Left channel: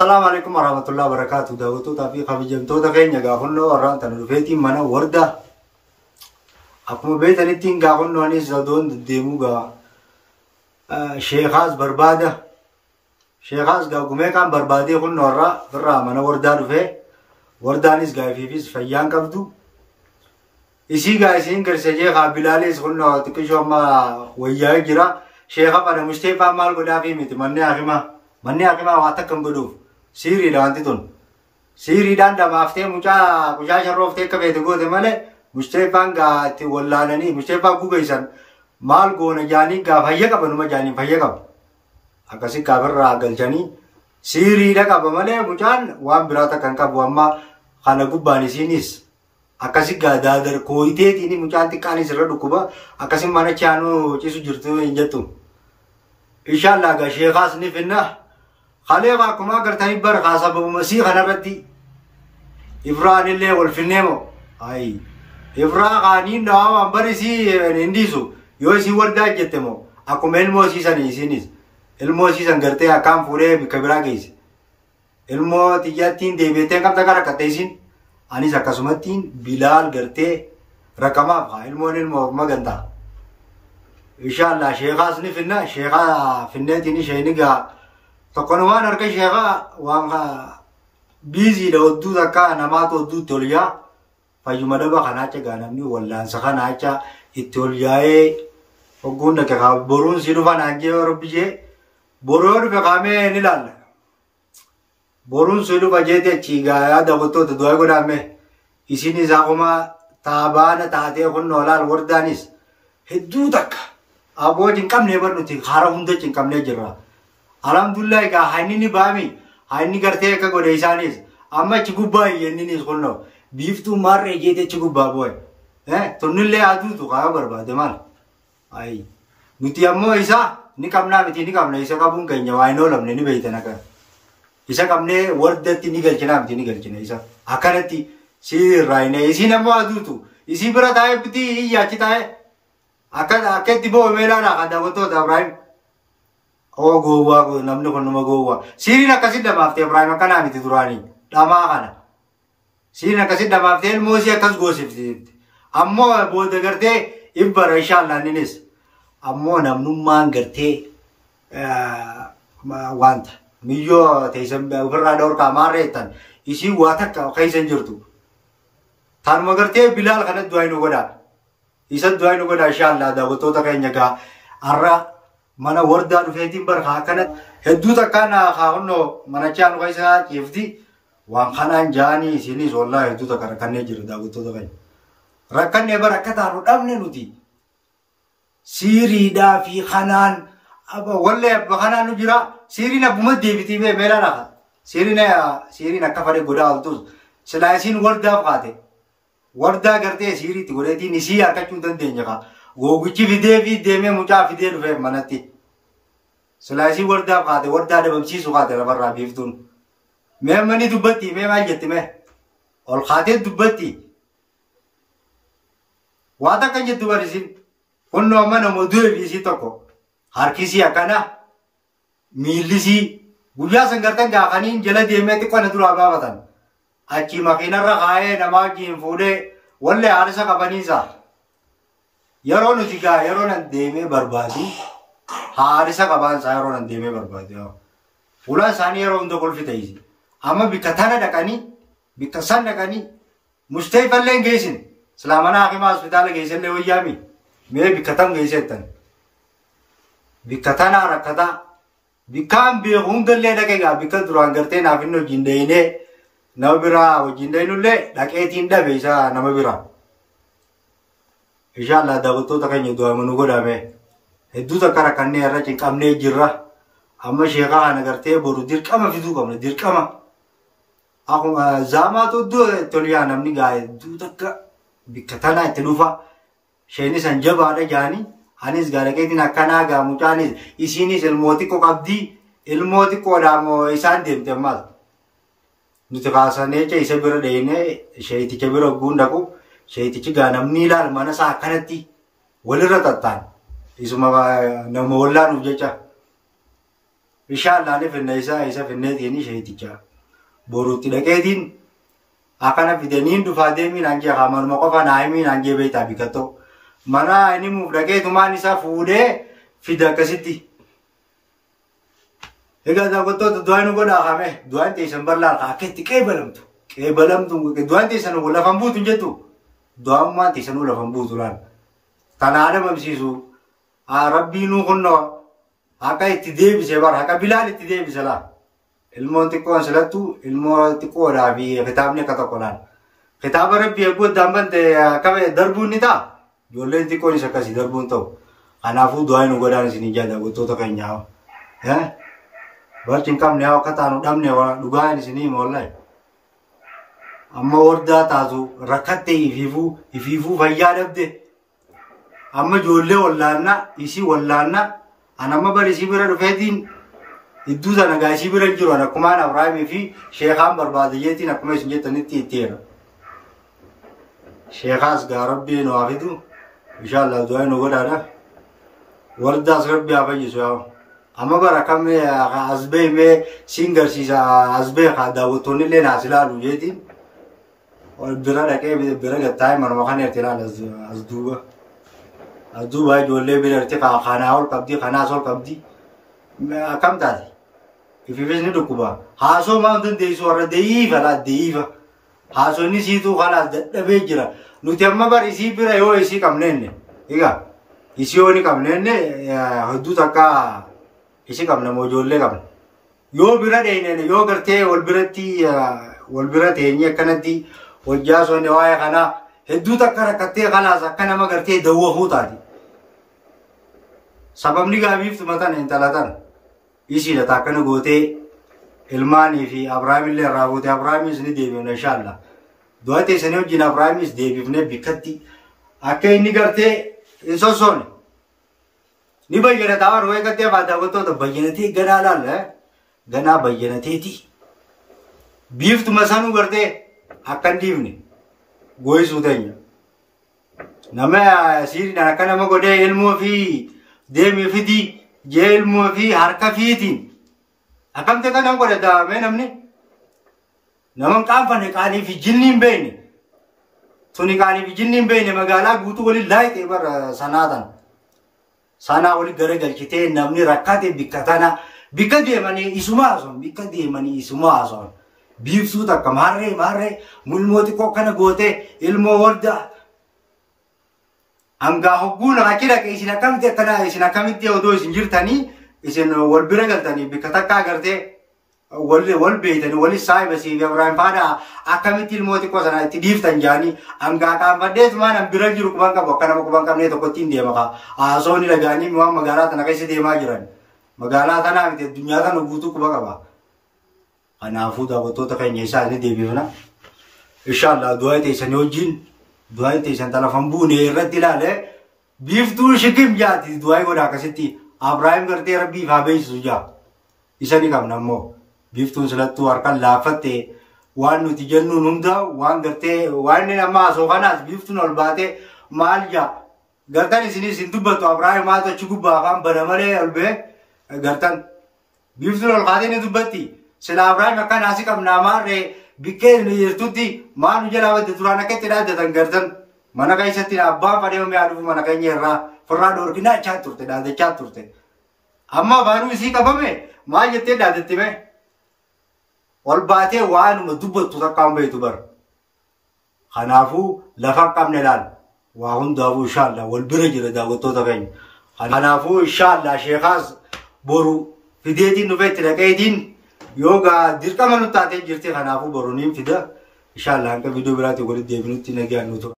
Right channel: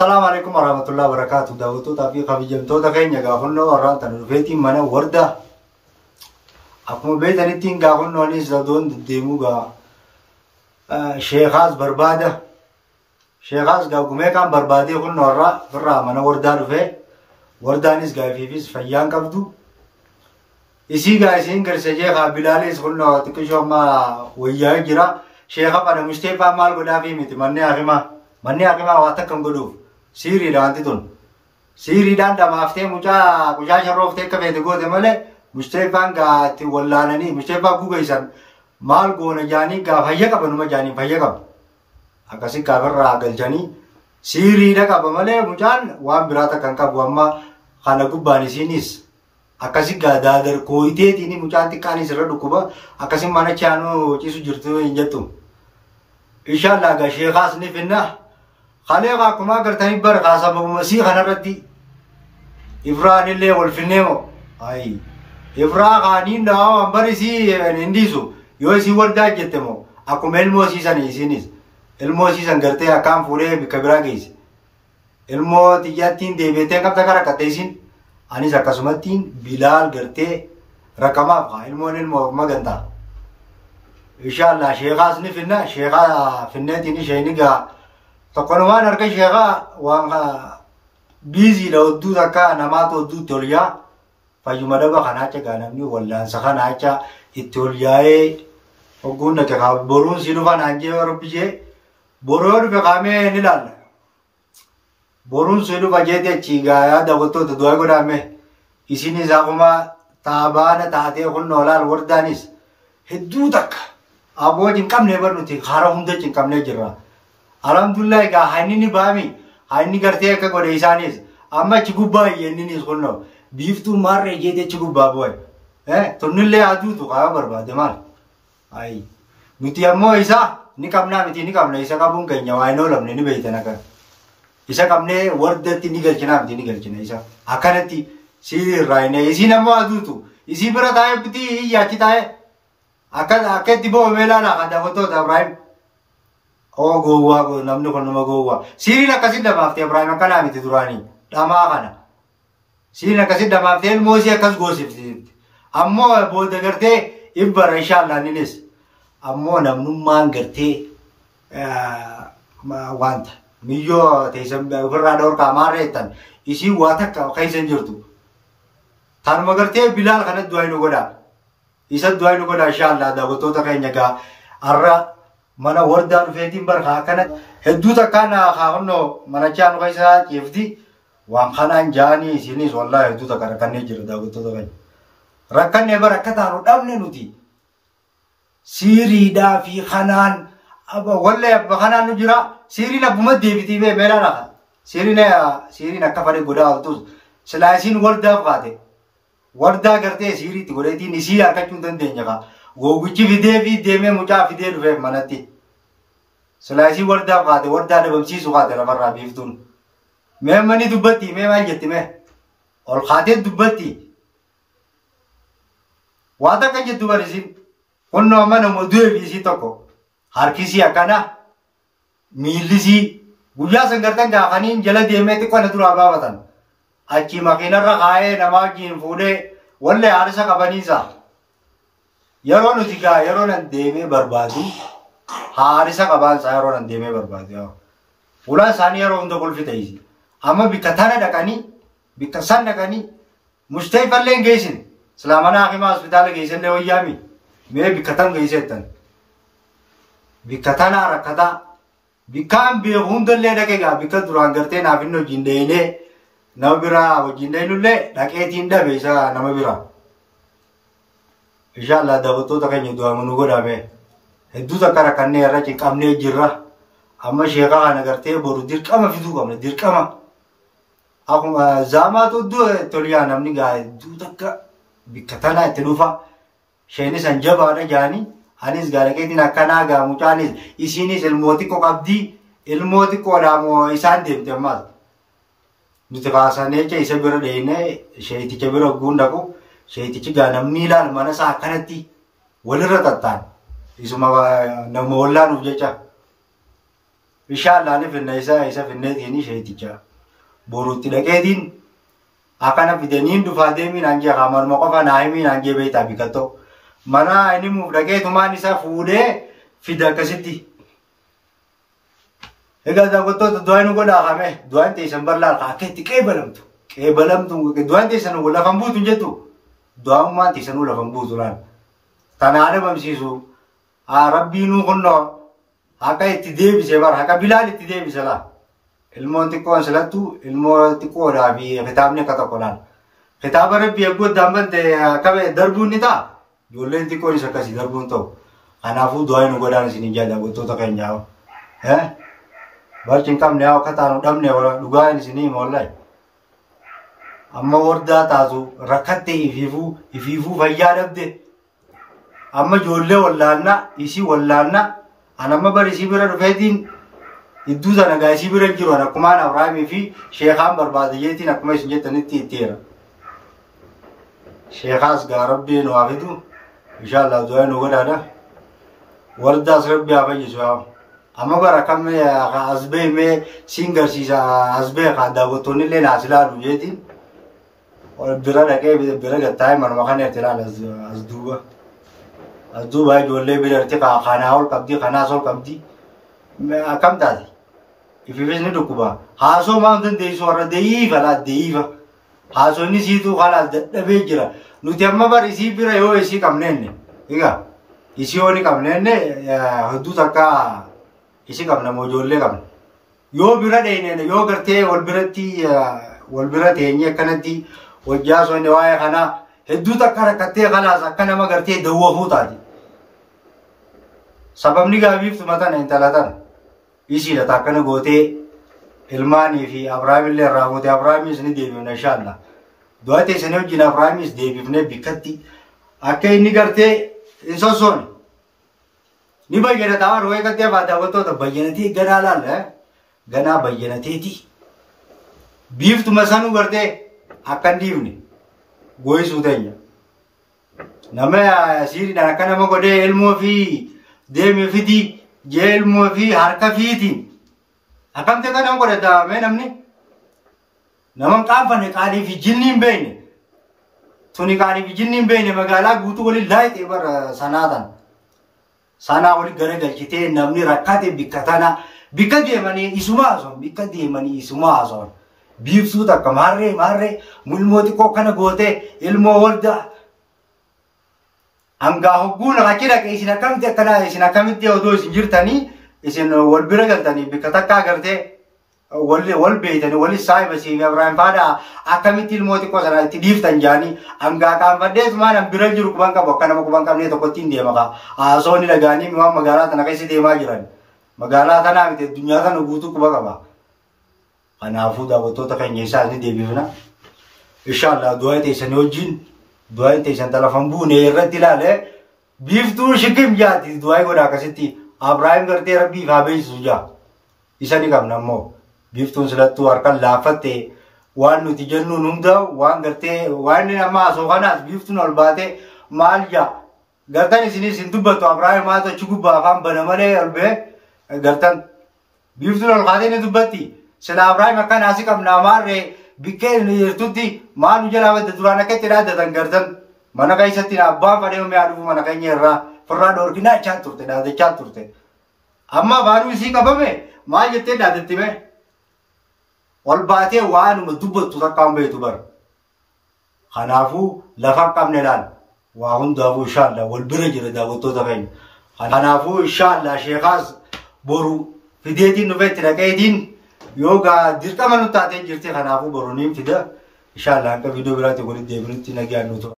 السلام عليكم ورحمة الله وبركاته. دعوتو تافي خبيجمتو تكين يقولنا وران تنرفيتي منا وردا. أكمل بيت أنتين قاولنا أني زادون ديموغا شيخاز بربادة. شيخاز قاومي كان بربادي قلنا ورا برا منا وردا رفه. وردا نيس قاي فيس فيان كبدو. إسي قايسين كرسجي قابلاليس قلنا تكشوا ما وياي جرا. شيخا بنا مستيفا مال قدافي ميت مني أخما واتكم قلوب. سيري لانتون سيري دان دمافتي مجا شروفتي كبيت قوة مالي مشترفان قاتي واللانني مشترفان قوغيسان مال قونا جاني قا فيقب نما جاني فيقب أكاسي قابر راقل جاني سيري لقب مالي مجان وان براتا كنكب واما خانا قباني سينيس أكاسي قا دادر كويتي تيني مجان تكاني سر ركوبا أكاسي مانا چانو چيسو جرتو انجتو إن شاء الله قا شيخاس نفنه خالقا كما قرتني برقا سبب مسيح نردي إفران اللي والفنيمو أي إفران قانين دعوا برسي ننديسو يوسي وردا جتمو أكو الموسي سنيسينيس الموسي سنقرتي أكام فولي بكبرا جيس المو تيجاتين ديبتين كم تكرا كتيسين أني سكاسمتين بلال قرتي رقما فا المو مغندا إن شاء الله شيخاس نفنا شيخا فنتيني شينيقا تقنوان أركي شيخا وانها بيزي لو دو ذكا نماتو دو توليا فيوم دبا خناچا غانمني ولا سخناچا التولياي وغونا كا بورون سيلوفا نانجي وربجي بورون بقامه نلال بورون سيلوفا جيتي چيغا دغتو دواي غدامه اسيني زاقما تابان تاتي خن نولال وردانيس هدو دك ابو جنكم نيبر نتي خارا هوند جنكم نجرا alhamdulillah ka haynini baami hayni garte ka gode isanis amma chiguba yenini khulno biftu marre jede chiguba boy tunnille adu tu ka barbade mal ai miti ammo isa ni kamna isa kabun kanya waino lamne ni beitana ka isa kamne wardati ni galchina isa akanati si raine isi nammo adu tu isi bara tae pti ya kitae akati bo mela la kada goto da ibrahim Oh goa namni kono magoa siri na kasi damafte Ibrahim kana miti durani dama kana siri na kasi damafte mosi akas gosip ammo boda garte ibbar inshallah ninis ammo namnu man garte ma wanta miyo teisam birra dor kamare tan isi wata ka kaisen jirtu tan magarte bilal kana duainu goda isa duainu goda inshallah da goto ta kanya ga arra mana warda rufetin barqa kanat heduta kana khawno mana chanu kaisa kifdi wan khanan jani sini wallahi heduta kana kanne jira da gutto da kan rakanne barakata no damne nuti siri da fi khanan aba wallahi khanan no jira siri na buma debiti be melana siri na kafare goda altu salaisin warda qade warda garte siri ti goreti nisi arkachun dan denja goguchi videvi deme mucha fide rufe manati salasi warda qade warda da bamsi su qade barra biftun me mani dubati me mal jette me ol qade dubati wada kan jettu barisin onno amana modu bisi toko harkisi akana milisi guya sangartan gafani jala deme te kona dura babatan achi makina ra gae namajin fude walle arisa kabanisa Yaron utiga yaron deme barbadu harisa kaban sa yaron deme barbadu ulan sani yaron do kol fitaisi amma bikatana dakani bikasan dakani mustayfa len geisin salamana akima hospital geisin le wayami me bikatam geisetan bikatana rakada bikam be hundalle dakega bikaduran garte na binno jindeine nabira wajindeinu le daketin da beisa namabira inshallah dagoto ta kanya do amanu goda me heddu ta kara kanne rachi kamne jirra amma sheka kana garte boru dirqama fidu kamne dirqama akuma zama to do toliya namni ga du takka bikatana itilufa shayni sanjaba da jani hanis garake din akana ga mutanis isini ilmoti ko qabdi ilmoti ko damo isan demte mal nutqasane ke isabira deine shayti kebiro gundako shayti ganamni lal mana sa kanati walira tattan isuma nama wallan ujecha inshallah ni finna isa finneetini sheeticha borutti dhaqeetiin akana fidaniin dhufaa deemiin hanjee qamaruma qofa naayimiin hanjee beeytaa bikatto mana inni muuf dhaqeetumaan isa fuudhee fida akkasitti egaa daawwattoota du'aa nu godhaa qame du'aan teessan bal'aa akkeetti qeebalamtu du'aan teessan lafan buutu hin jettu du'aan teessan lafan buutu laan tanaa dhabamsiisu rabbiinuu kunnoo akka itti deebise bara akka bilaal itti deebise laan ilmoon xiqqoon silattu ilmoo xiqqoodhaa fi kitaabni akka tokko laan kitaaba rabbii aggoddaan bante akka darbuun ni ta'a ijoolleen xiqqoon isa akkasii darbuun ta'u kanaafuu du'aa nu godhaan isin ijaa daawwattoota keenyaa barcin qabne yaa akka taanu dhabne dhugaan isinii mollay amma wardaa taatu rakkatte ifiifuu fayyaa dhabde amma ijoollee wallaanna isii wallaanna an amma bari isii bira dhufeetiin idduu sana gaa isii bira jiru akkumaan Abrahaamii fi sheekaan barbaadayyeetiin akkuma isin jettanitti itteera sheekaas gaa rabbii nu hafidu inshallah du'aa nu godhaadha wardaas rabbii haa fayyisu yaa amma bara kamme asbee mee singarsiisa asbee ka daawwattoonni illee naas ilaalu jeetiin bira dhaqee bira gattaa'e manuma kana irratti ilaala as duuba ijoollee bira irratti kanaa ol qabdi kanaas ol qabdi akkam taate ififis ni dhukkuba haasoo maan dandeessu warra deeyiifa laa deeyiifa haasoo inni siituu kalaas dadhabee jira nuti amma bara isii bira yoo isii qabneenne egaa isii yoo ni qabneenne hedduu takka isi qabna mojoollee qabna yoo bira dheenene yoo gartee wal bira teenye akkanatti wajjaa sonne waa'ee kana hedduu takka rakkattee kalaas akka nama gartee dawwafuu taati sababni gaabiiftu matan intala tana isiidha taakkana gootee ilmaanii fi Abrahaamillee irraa gootee Abrahaamis ni deebifna inshallah du'aa teessanii wajjin Abrahaamis deebifnee bikkatti akka inni gartee hin sossoone ni bayyana taawar way katte faada wato bayyanati gana laal gana bayyanati biiftu masanu garte akkan diivne goyisu tanya nama siri dana kana ma gode ilmu fi demi fidi je ilmu fi harka fiitin akam te kana gode da me namni naman qaanfanne qaanii fi jinniin beeyne tuni qaanii fi jinniin beeyne magaalaa guutuu wali laayite bar sanatan sana wali gara galchitee namni rakkate bikkatana bikka deemanii isumaa son biiftuu takka maarree mulmooti koo kana goote ilmoo warda hangaa hogguuna qachira ke isin akkamitti akkana isin akkamitti odoo isin jirtanii isin wal bira galtanii bikka takka agartee wal beeytanii wal saahiba siifi Abrahaam faada akkamitti ilmooti koo sana itti dhiiftan jaanii hangaa qaanfadhees maanan bira jiru kuban qabu akka nama kuban qabnee tokkotti hin deema kaa haasoonni lagaanii waan magaalaa tana keessa deemaa jiran magaalaa tanaa miti addunyaa tana guutuu kuba qaba kanaafuu daawwattoota keenya isaa ni deebifna inshallah du'aa teessanii wajjin du'aa teessan talafan buune irratti ilaale biiftuu shikim jaati du'aa godha akkasitti Abrahaam gartee rabbii faa beeksisu jaa isa ni qabna ammoo biiftuun silattuu harkaan laafatte waan nuti jennuun hunda waan gartee waan inni amma asoo kanaas biiftuun ol baate maal jaa gartan isinis hin dubbattu Abrahaam maa tochi gubbaa afaan bana malee ol bee gartan biiftuun ol kaatee ni dubbatti sila Abrahaam akkan asii qabnaa maarree bikkee ni jirtutti maal jala wadda duraan akka itti dhaaddatan gartan mana keessatti abbaan fadhee umee adufu mana keenya irraa firraa dhoorginaa chaa turte dhaadachaa turte amma baaduu isii qabame maal jettee dhaadatti mee ol baatee waanuma dubbattu takkaan beektu bar kanaafuu lafa qabne laal waa hundaafuu inshallah wal bira jira daawwattoota keenya kanaafuu inshallah sheekaas boru fideetiin dhufeetti dhaqeetiin yoogaa dirqama nu taatee jirti kanaafuu boru niin fida inshallah hanqa viidiyoo biraatti walitti deebinutti nagaan nutu